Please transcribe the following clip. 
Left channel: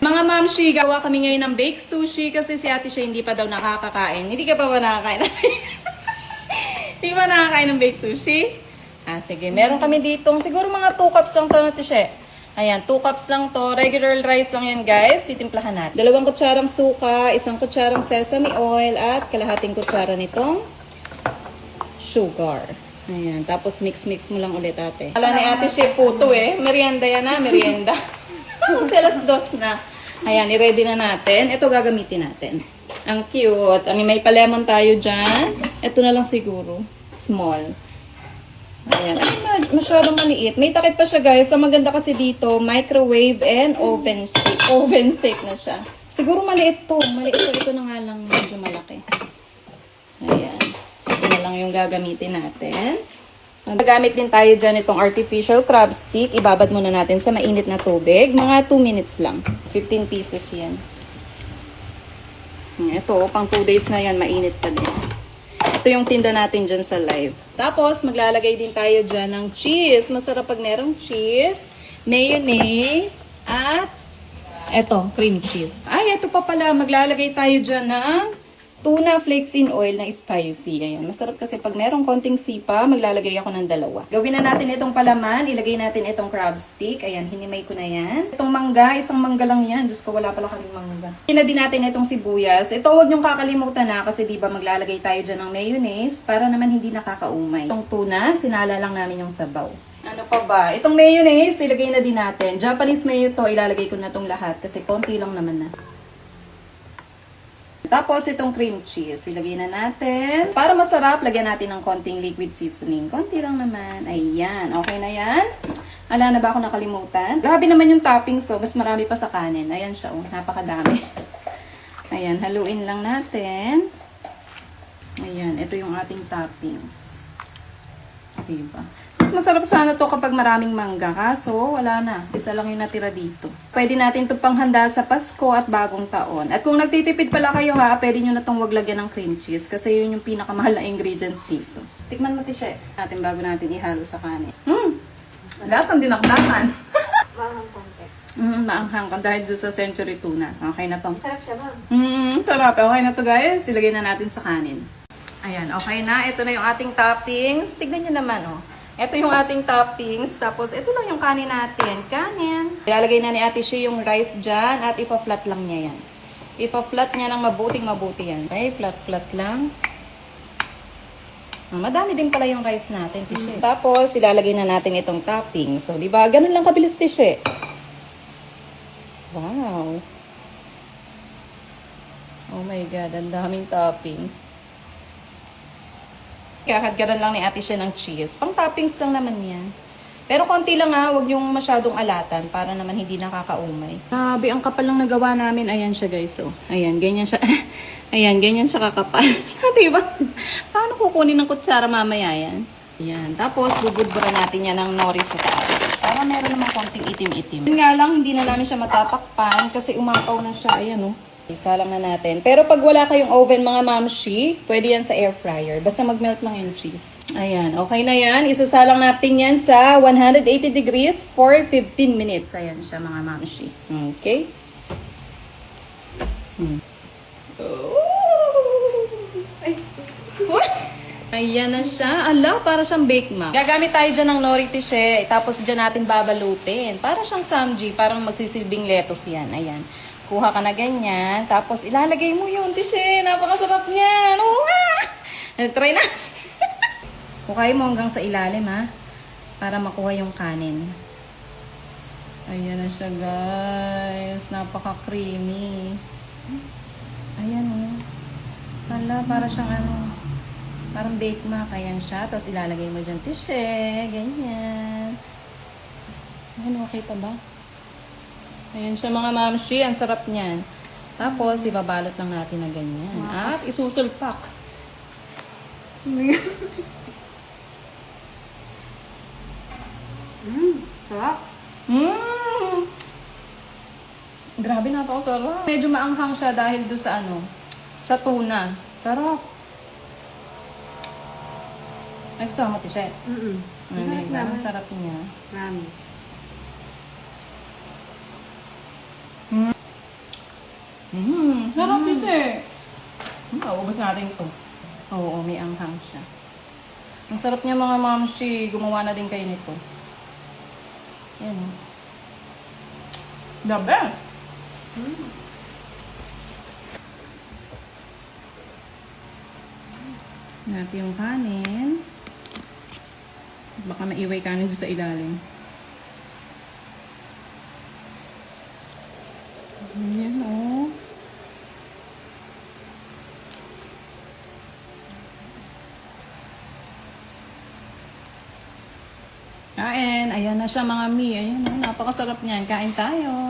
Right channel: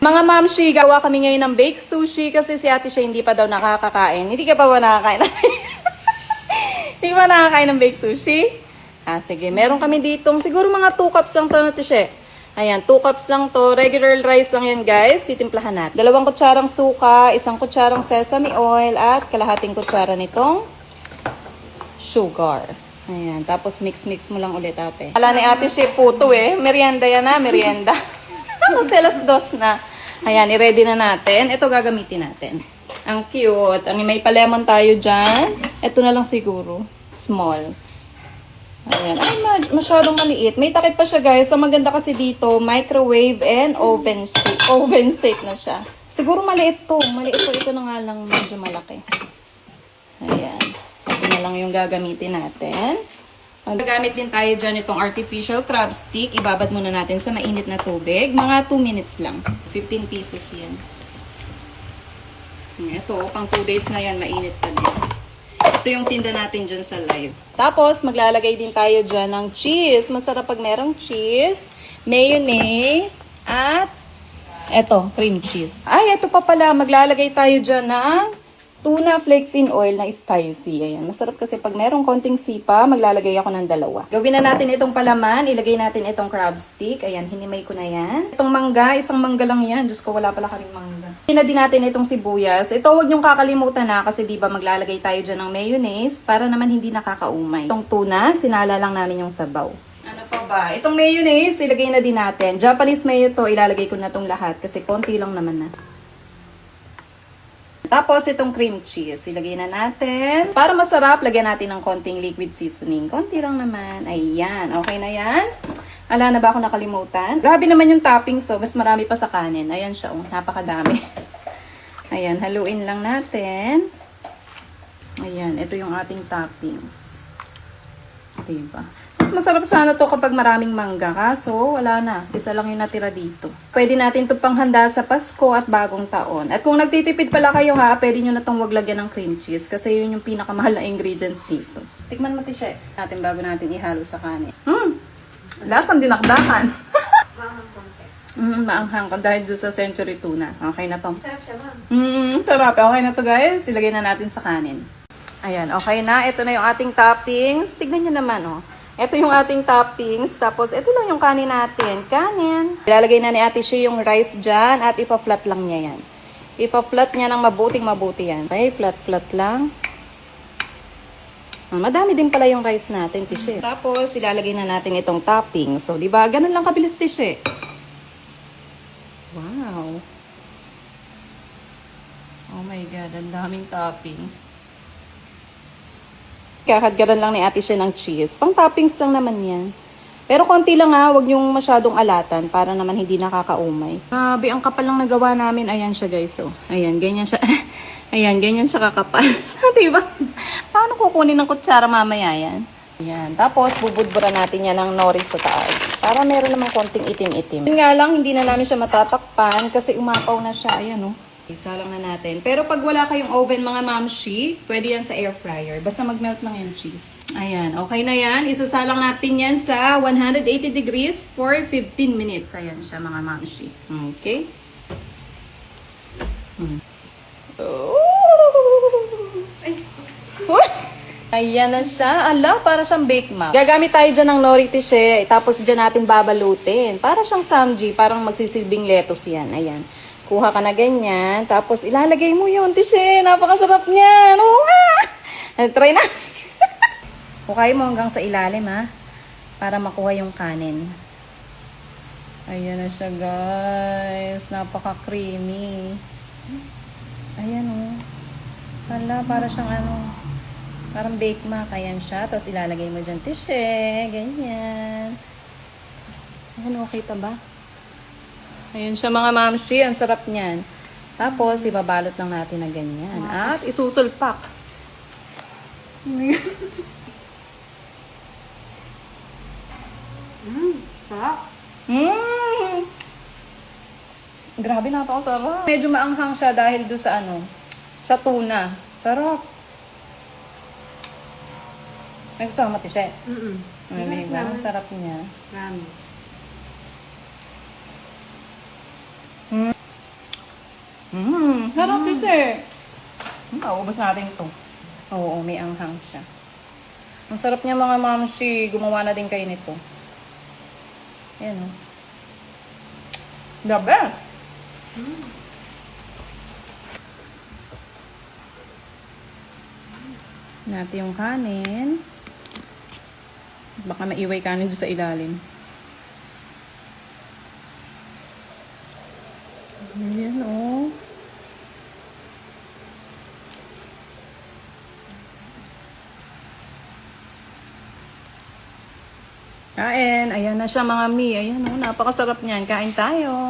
Mga mamshi, gawa kami ngayon ng baked sushi kasi si ate siya hindi pa daw nakakakain. Hindi ka pa ba nakakain? hindi ba nakakain ng baked sushi? Ah, sige. Meron kami ditong, siguro mga 2 cups lang to na siya. Ayan, 2 cups lang to. Regular rice lang yan, guys. Titimplahan natin. Dalawang kutsarang suka, isang kutsarang sesame oil, at kalahating kutsara nitong sugar. Ayan, tapos mix-mix mo lang ulit ate. Ala ni ate siya puto eh. Merienda yan na, merienda. Tapos alas dos na. Ayan, i-ready na natin. Ito gagamitin natin. Ang cute. Ang may pa-lemon tayo dyan. Ito na lang siguro. Small. Ayan. Ay, ma- masyadong maliit. May takip pa siya guys. Ang maganda kasi dito, microwave and oven safe. Oven safe na siya. Siguro maliit to. Maliit to. Ito na nga lang medyo malaki. Ayan. Ito na lang yung gagamitin natin. Gagamit din tayo dyan itong artificial crab stick. Ibabad muna natin sa mainit na tubig. Mga 2 minutes lang. 15 pieces yan. Hmm, Ito, pang 2 days na yan, mainit pa din. Ito yung tinda natin dyan sa live. Tapos, maglalagay din tayo dyan ng cheese. Masarap pag merong cheese, mayonnaise, at eto, cream cheese. Ay, ito pa pala. Maglalagay tayo dyan ng tuna flakes in oil na spicy. Ayan. Masarap kasi pag merong konting sipa, maglalagay ako ng dalawa. Gawin na natin itong palaman. Ilagay natin itong crab stick. Ayan, hinimay ko na yan. Itong mangga, isang mangga lang yan. Diyos ko, wala pala kaming mangga. Ina din natin itong sibuyas. Ito huwag niyong kakalimutan na kasi di ba maglalagay tayo dyan ng mayonnaise para naman hindi nakakaumay. Itong tuna, sinala lang namin yung sabaw. Ano pa ba? Itong mayonnaise, ilagay na din natin. Japanese mayo to, ilalagay ko na tong lahat kasi konti lang naman na. Tapos itong cream cheese, ilagay na natin. Para masarap, lagyan natin ng konting liquid seasoning. Konti lang naman. Ayan, okay na yan. Ala na ba ako nakalimutan? Grabe naman yung toppings, so mas marami pa sa kanin. Ayan siya, oh, napakadami. Ayan, haluin lang natin. Ayan, ito yung ating toppings. Diba? Mas masarap sana to kapag maraming mangga. Kaso, wala na. Isa lang yung natira dito. Pwede natin ito panghanda sa Pasko at bagong taon. At kung nagtitipid pala kayo ha, pwede nyo na itong wag lagyan ng cream cheese. Kasi yun yung pinakamahal na ingredients dito. Tikman mo, Tisha. Natin bago natin ihalo sa kanin. Hmm! Lasang dinakdakan. Mm, maanghang ka dahil doon sa century tuna. Okay na to. Sarap siya, ma'am. Mm, sarap. Okay na to guys. Ilagay na natin sa kanin. Ayan, okay na. Ito na yung ating toppings. Tignan nyo naman, oh. Ito yung ating toppings. Tapos, ito lang yung kanin natin. Kanin. Ilalagay na ni Ate Shea yung rice dyan at ipa-flat lang niya yan. Ipa-flat niya ng mabuting mabuti yan. Okay, flat-flat lang. Ah, Madami din pala yung rice natin, Tishe. Tapos, ilalagay na natin itong toppings. So, di ba? Ganun lang kabilis, Tishe. Wow. Oh my God, ang daming toppings. Kakadgaran lang ni ate siya ng cheese. Pang toppings lang naman yan. Pero konti lang ha, huwag yung masyadong alatan para naman hindi nakakaumay. Grabe, ang kapal lang nagawa namin. Ayan siya guys, oh. Ayan, ganyan siya. Ayan, ganyan siya kakapal. diba? Paano kukunin ng kutsara mamaya yan? Ayan, tapos bubudbura natin yan ng nori sa taas. Para meron naman konting itim-itim. Yun nga lang, hindi na namin siya matatakpan kasi umapaw na siya. Ayan, oh. Isa lang na natin. Pero pag wala kayong oven mga mamshi, pwede yan sa air fryer. Basta mag-melt lang yung cheese. Ayan, okay na yan. Isasalang natin yan sa 180 degrees for 15 minutes. Ayan siya mga mamshi. Okay? Hmm. Oh. Ay. Ayan na siya. Ala, para siyang bake map. Gagamit tayo dyan ng nori tishe, tapos dyan natin babalutin. Para siyang samji, parang magsisilbing lettuce yan. Ayan. Kuha ka na ganyan, tapos ilalagay mo yun, tishe. Napakasarap niyan. Oo nga. Try na. Hukay mo hanggang sa ilalim, ha? Para makuha yung kanin. Ayan na siya, guys. Napaka-creamy. Ayan, oh. Hala, para siyang ano, parang bake mac. Ayan siya. Tapos ilalagay mo dyan, tishe. Ganyan. Ayan, okay pa ba? Ayan siya mga mamshi. Ang sarap niyan. Tapos, ibabalot lang natin na ganyan. At isusulpak. Mmm, sarap. Mmm! Grabe, napakasarap. Medyo maanghang siya dahil do sa ano, sa tuna. Sarap. Nagsama ti siya. Mm-mm. Ano Sarap sarap niya. Promise. Mmm, sarap kasi. Hmm, ubos natin to. Oo, may anghang siya. Ang sarap niya mga mamshi. Gumawa na din kayo nito. Ayan o. The best. Natin yung kanin. Baka maiway kanin sa ilalim. Ayan o. Kain. Ayan na siya mga mi. Ayan o. Napakasarap niyan. Kain tayo.